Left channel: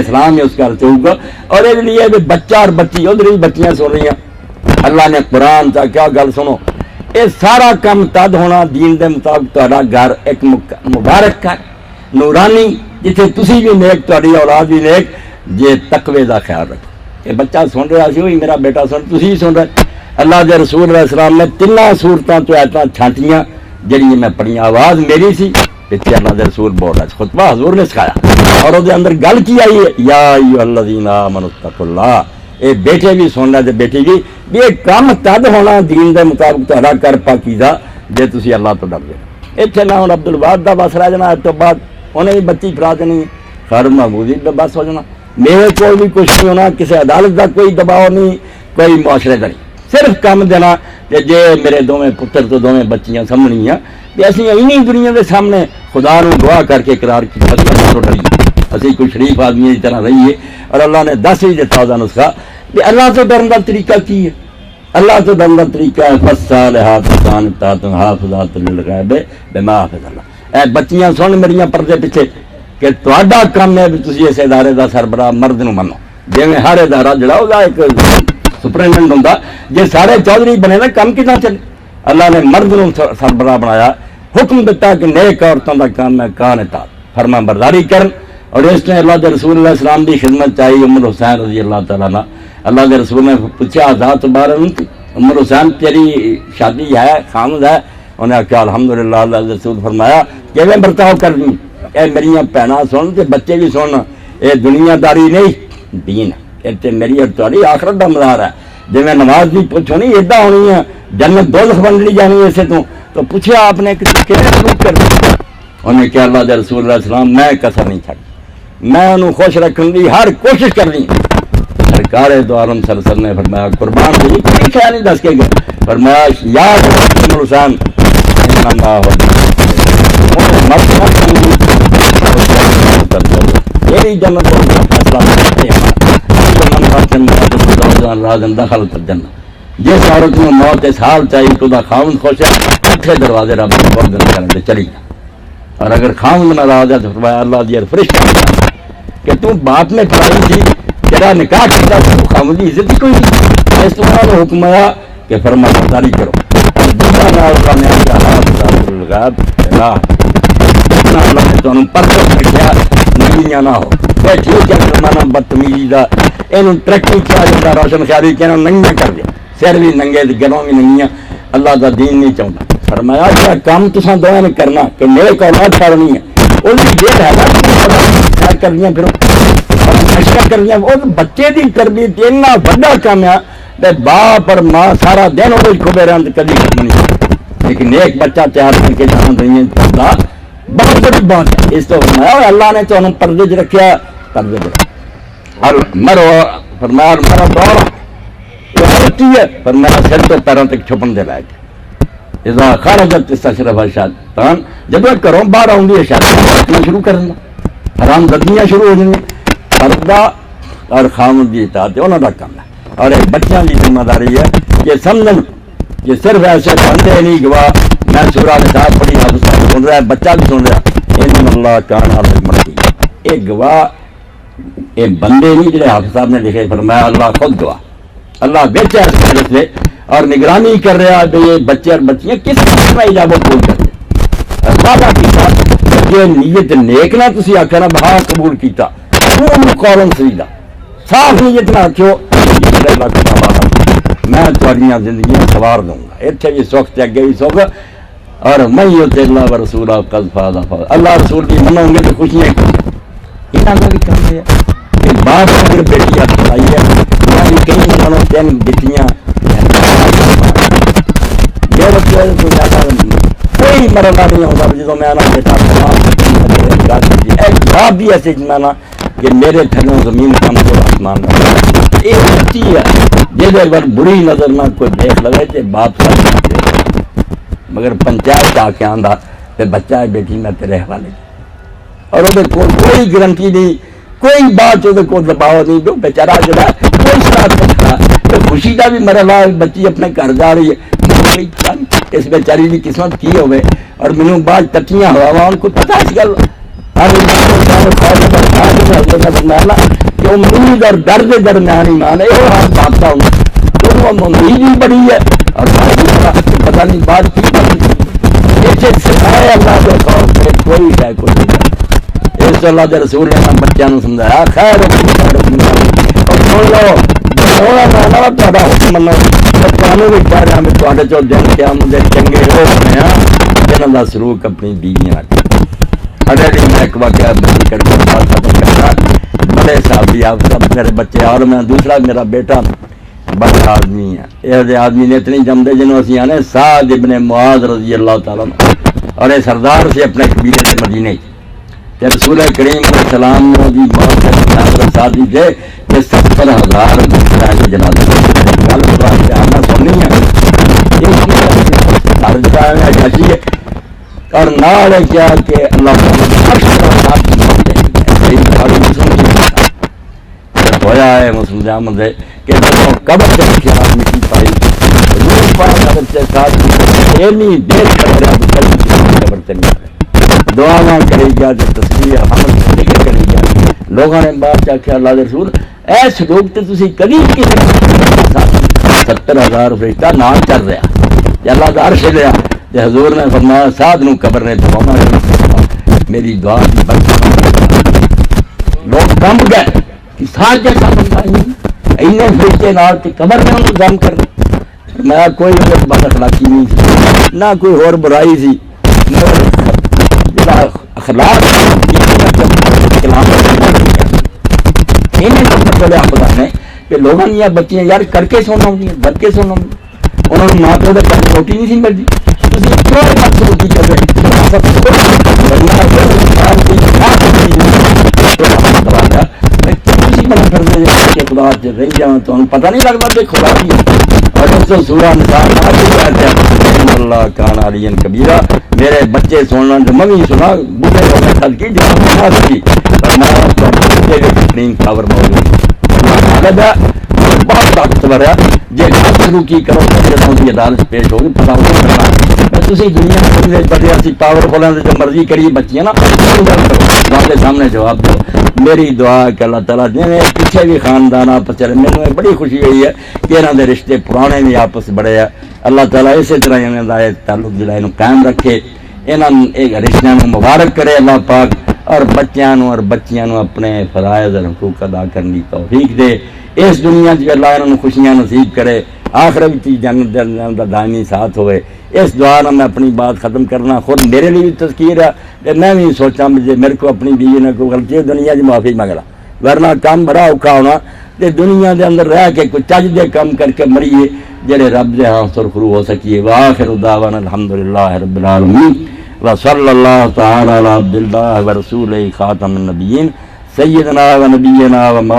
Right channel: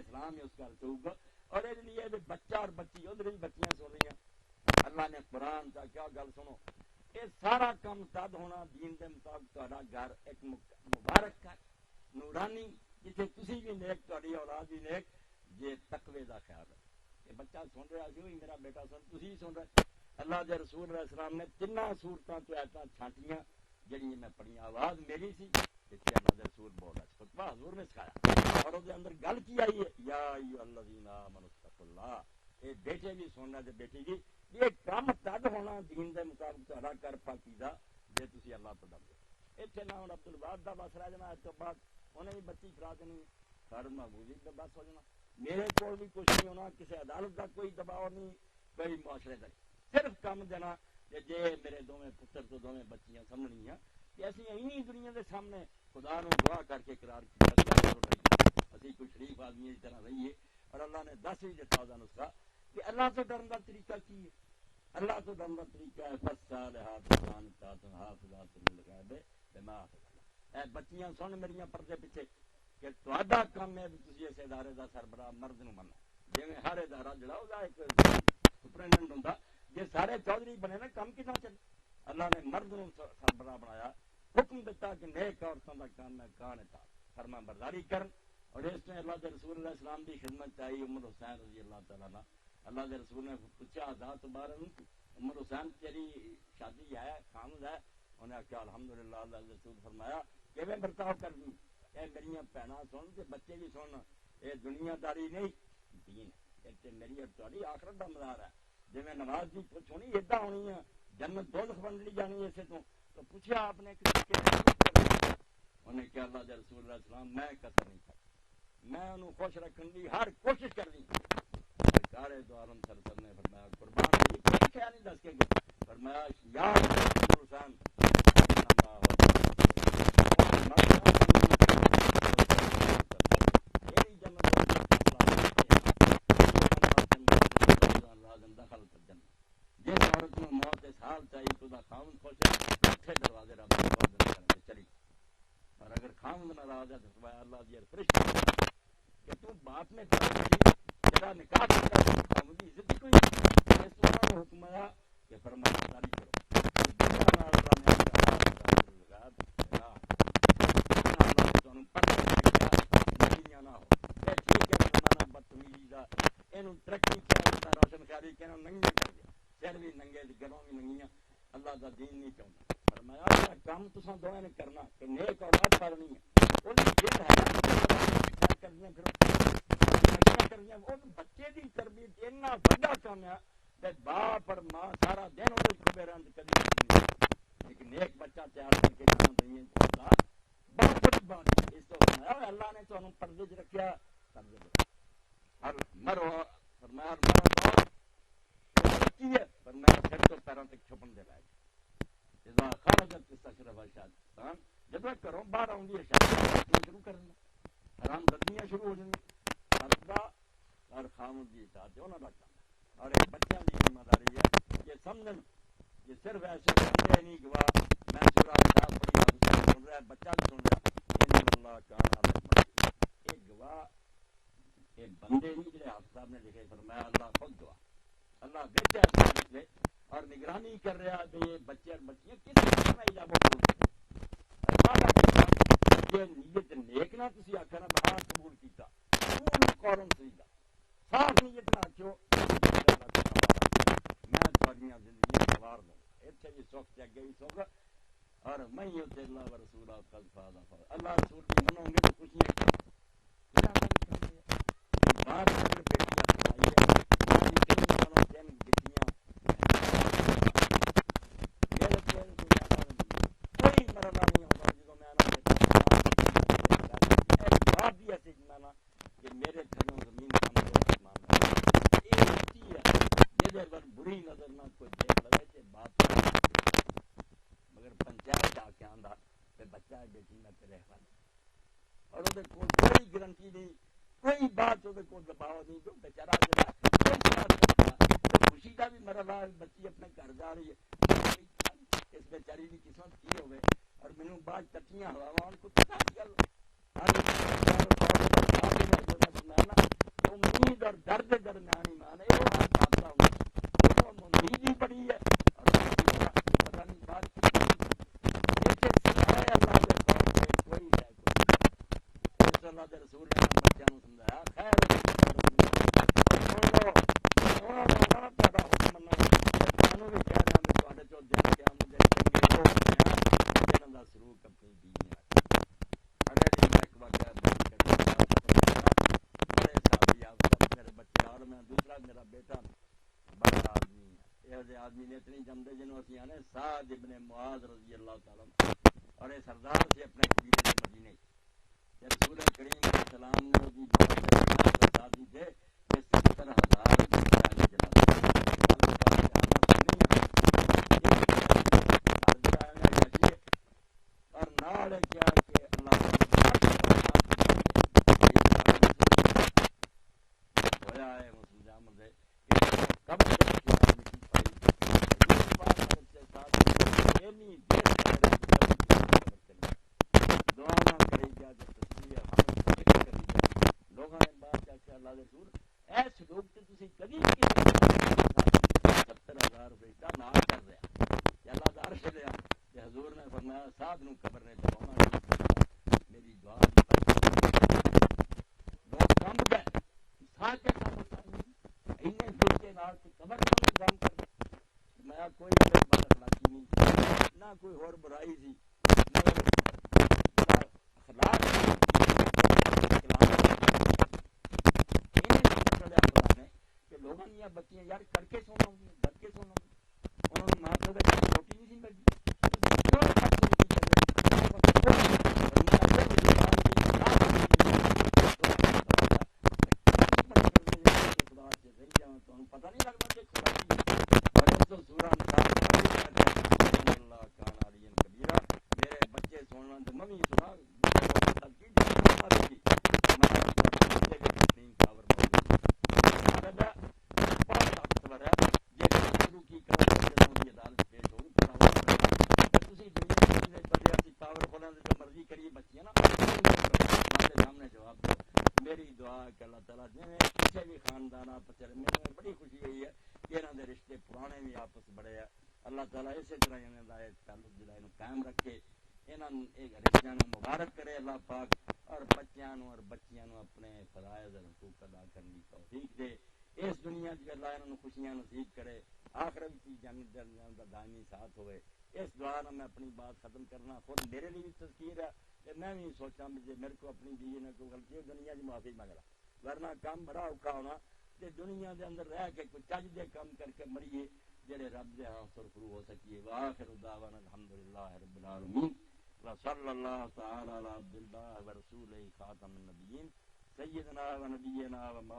اسلام ہی اس کا ارتھ ہوگا. اور اس لیے بھی بچہ اور بچی ادھر ہی بچیاں سن رہی ہیں. اللہ نے قرآن کا کیا گل سنو, یہ سارا کام تد ہونا دین دے مطابق تہاڈا گھر ایک مبارک ہے نورانی جتھے تسی بھی نیک تہاڈی اولاد بھی نیک جے تقوی دا خیال رکھو. یہ بچہ سن رہا سی وہی میرا بیٹا سن تسی سن رہے. اللہ دے رسول علیہ السلام نے تینوں صورتوں تو ایتاں چھانٹیاں جڑی میں پڑھیاں. آواز میری سی پیچھے اللہ دے رسول بول رہا سی, خطبہ حضور نے سکھایا اور وہ اندر گل کی آئی ہے یا ایھا الذین آمنوا اتقوا اللہ. یہ بیٹے بھی سن رہے بیٹی بھی یہ کام تد ہونا دین دے مطابق تہاڈا کر پاکیزہ جے تسی اللہ تو ڈر گئے. اتنے نہ ہوں عبد الوہاب دا بس رہ جانا, اس تو بعد انہیں بھی بچی فرا دینی, خیر محمودی دا بس ہو جانا. میرے کو بھی کچھ نہیں ہونا, کسی عدالت دا کوئی دباؤ نہیں, کوئی معاشرے کا نہیں, صرف کام دینا کہ جے میرے دونوں پتر تو دونوں بچیاں سامنیاں کہ اسی انہیں دنیا کے سامنے خدا نو دعا کر کے اقرار کی اللہ تو ڈریے, اسی کوئی شریف آدمی کی طرح رہیے. اور اللہ نے دس ہی دیتا وہ نسخہ کہ اللہ تو ڈرن کا طریقہ کی ہے. اللہ تو ڈرن کا طریقہ ہے فالصالحات قانتات حافظات للغیب بما حفظ اللہ. اے بچیاں سن میریاں پردے پیچھے کہ تہاڈا کام ہے بھی تسی اس ادارے دا سربراہ مرد نو منو. جویں ہر ادارہ جڑا ہوگا ایک سپرنٹینڈنٹ ہوندا, جے سارے چودھری بنے نا کم کتنا چلے. اللہ نے مرد نو سربراہ بنایا, حکم دیتا کہ نیک عورتوں کا کام ہے قانتات فرما برداری کرن. اور اس نے اللہ کے رسول اللہ السلام کی خدمت چاہیے. عمر حسین رضی اللہ تعالیٰ عنہ, اللہ کے رسول نے پوچھا آزاد بارہ عمر حسین تیری شادی ہے خامد ہے؟ انہیں آخیا الحمدللہ. اللہ کے رسول فرمایا کہ میں برتاؤ کرنی اے میریاں بھیناں سن تے بچے بھی سن, یہ دنیا داری نہیں دین ہے, تے میری اور تاری آخرت کا مزار ہے. جی میں نماز بھی پوچھو نہیں ادا ہونی ہے, جنت دوزخ بن لی جانی اسے تو پوچھا آپ نے کہ سلوک کر دیا. انہیں کیا اللہ کے رسول اللہ السلام میں کسر نہیں چھڑ, میں انہوں خوش رکھنے کی ہر کوشش کرنی. سرکار دو عالم صلی اللہ علیہ وسلم نے فرمایا قربان بھی کوئی خیال نہیں دس کے گئے, فرمایا یاد عمر حسین میری جنت دخل کر جنت. جس عورت میں موت اس حال چاہیے تو دا خاوند خوش ہے, اٹھے دروازے رب بند کرنے چلی جا. اور اگر خاوند ناراض ہے تو فرمایا اللہ دی فرشتہ کہ تم باپ میں پڑھائی تھی تیرا نکاح کیا تو خاوند کی عزت ہی کوئی نہیں. اس طرح حکم آیا کہ فرما برداری کرو. اللہ نے تمہیں پرفیکٹ رکھا نگیاں نہ ہو. ٹھیک ہے فرمانا بدتمیزی کا یہ ترقی کیا جاتا, روشن خیالی کہ ننگیاں کر دیا, سر بھی ننگے گلوں بھی ننگیاں. اللہ کا دین نہیں چاہتا. فرمایا کیا کام تصا دونوں نے کرنا کہ میرے کو اولاد پڑھنی ہے وہ جیل ہے نا کرنی پھر نشا کرنی. وہ بچے کی تربیت اتنا بڑا کام ہے, باپ اور ماں سارا دن وہ کھبے رہے کبھی ختم نہیں, لیکن ایک بچہ تیار کر کے جانا رہی ہے بہت بڑی بات ہے. اس تو فرمایا اللہ نے تو انہوں پردے چ رکھا پردے اور مرو فرمایا مرو دوڑ ہے فرمایا سر تو پیروں تک چھپن دے لائق. اذا خرجت استشرف شیطان, جب گھروں باہر آؤں گی شیطان شروع کر دیں, حرام زدیاں شروع ہو جائیں. پردہ اور خامد کی اطاعت انہوں کا کام ہے. اور ایک بچوں کی ذمہ داری ہے کہ سمجھن کہ صرف ایسے بندے نہیں گواہ میں سورہ نساء پڑھی حافظ صاحب سن رہا ہے, بچہ بھی سن رہا ہے, ان اللہ کان حافظ مرتی. یہ گواہ یہ بندے نہیں جڑے حافظ صاحب نے لکھے, فرمایا اللہ خود گواہ. اللہ بیچا اس حالت میں اور نگرانی کر رہا ہے یہ بچے اور بچیاں کس قسم میں اجابت پوری کرتے ہیں. وعدہ کیتا یہ نیت نیک نہ تسی آکھا نا بہا قبول کیتا قول قولا سدیدا, صاف نیت نہ آکھو میں تھوڑیاں زندگیاں سوار دوں گا, اتنے بھی سکھ تے اگے بھی سکھ. اور میں یطع اللہ ورسولہ قد فاز فوزا, اللہ رسول کی منو گے تو خوشیاں یہاں کا بھی کام ہے کہ باپ اگر بیٹی آپ بتائی ہے یعنی کئی منوں تین بیٹیاں میرے تو زیادہ کوئی مرنا نہیں ہوتا جدو میں آنا بیٹا ایک باپ بھی ایسے جانا کہ میرے تھلوں زمین کم کو آسمان یہ سچی ہے. جس بار بری نظر نہ کوئی دیکھ لگے تو باپ ساتھ, مگر پنچایت آ کے آندا تو بچہ ہے بیٹی میں تیرے حوالے. اور وہ کوئی گارنٹی نہیں, کوئی بات وہ دباؤ نہیں, جو بیچارہ جڑا کوئی شرارت کرتا تو خوشی کا بھی مرحلہ بچی اپنے گھر جا رہی ہے. اس بیچاری کی قسمت کی ہوئے اور مینوں بعد ٹٹیاں ہوا ان کو پتا اس گل ہر کہ امید اور ڈر کے درمیان ایمان ہے وہ ہاتھ باندھتا ہوں تو امید بھی بڑی ہے اور پتہ نہیں بات کی اسے سکھائے اللہ کے خوف سے کوئی ہے کچھ نہیں. اس اللہ کے رسول نے بچوں کو سمجھایا خیر اور سن لو تا حکم منو تمہیں بھی کہہ رہا میں تے چو دن کیا مجھے چنگے وہ بنے جنہوں کا سلوک اپنی بیویاں اگلے دن میں ایک واقعہ بچی کر کے بات ختم کرنا بڑے صاحب بھی آپ سب میرے بچے اور میں دوسرا میرا بیٹا بڑا آدمی ہے یہ آدمی نے اتنی جمدے جنہوں اسی آنے سعد ابن معاذ رضی اللہ تعالیٰ اور یہ سردار سے اپنے قبیلے سے مدینے کہ رسول کریم علیہ السلام نے جی بہت سے شادی تھے کہ 70,000 جنازے گل قرآن سے آنا سننی ہے ہے اور نال کیا کہ اللہ ہویا ہے مسلم جامد ہے کہ قبر سے خیال مٹی پائی دعا نہ کرے گا جو تصویر ہم ذکر کرے گا لوگوں نے بات کیا اللہ کے رسول ایس لوگ تو تسی کبھی کسی 70,000 فرشتہ نہ چل رہا اللہ کا عرش لیا کہ حضور نے فرمایا سعد نو قبر نے دعا میری دعا کی برکت لوگ کم گئے کہ ساتھ جیسا بندہ اینے فرشتے نال تے قبر میں انہوں دم کر میں کوئی بد اخلاقی نہیں سی نہ کوئی اور برائی سی اخلاق خدا نے کہ لوگوں نے بچیاں یار کر کے سونا ہوں بچ کے سونا ہوں انہوں نے ماں پیو کے روٹی نہیں سی ملتی روٹی کر خدا رہی جاؤں تو پتہ نہیں لگتا کہ خدا کی اور اس کو سورہ نساء اللہ کان علی کبیرہ میرے بچے سننا جو ممی سنا بڑھے ہونے خل کی جہاں کی بہترین خبر موجود ہے بہت طاقتور ہے جی شروع کی کرو جدوں کی عدالت پیش ہوگی پتا ہوگا تھی دنیا میں بڑے اسی پاورفل ہیں جو مرضی کریے بچیاں نا کے سامنے جواب دو میری دعا کہ اللہ تعالیٰ جی پیچھے بھی خاندان آپس چلے میرے بڑی خوشی ہوئی ہے کہ یہاں دے رشتے پرانے بھی آپس بڑے ہیں اللہ تعالیٰ اسی طرح انہوں کا تعلق جڑا یہ قائم رکھے انہوں رشتوں کو مبارک کرے اللہ پاک اور بچیاں اور بچیاں اپنے فرائض اور حقوق ادا کرنے کی توفیق دے اس دنیا میں اللہ انہوں خوشیاں نصیب کرے آخرت بھی جنت کا دائمی ساتھ ہوئے اس دعا میں اپنی بات ختم کرنا خود میرے لیے بھی تذکیر ہے کہ میں بھی سوچا مجھے میرے کو اپنی بیوی نے کوئی غلطی ہے دنیا کی معافی منگلا ورنہ کام بڑا اوکھا ہونا تے دنیا دے اندر رہ کے کوئی چج دے کام کر کے مریے جڑے رب دے ہاں سرخرو ہو سکیے وآخر دعوانا الحمدللہ رب العالمین وصلی اللہ تعالی علی عبد اللہ ورسولہ خاتم النبیین سیدنا و نبینا و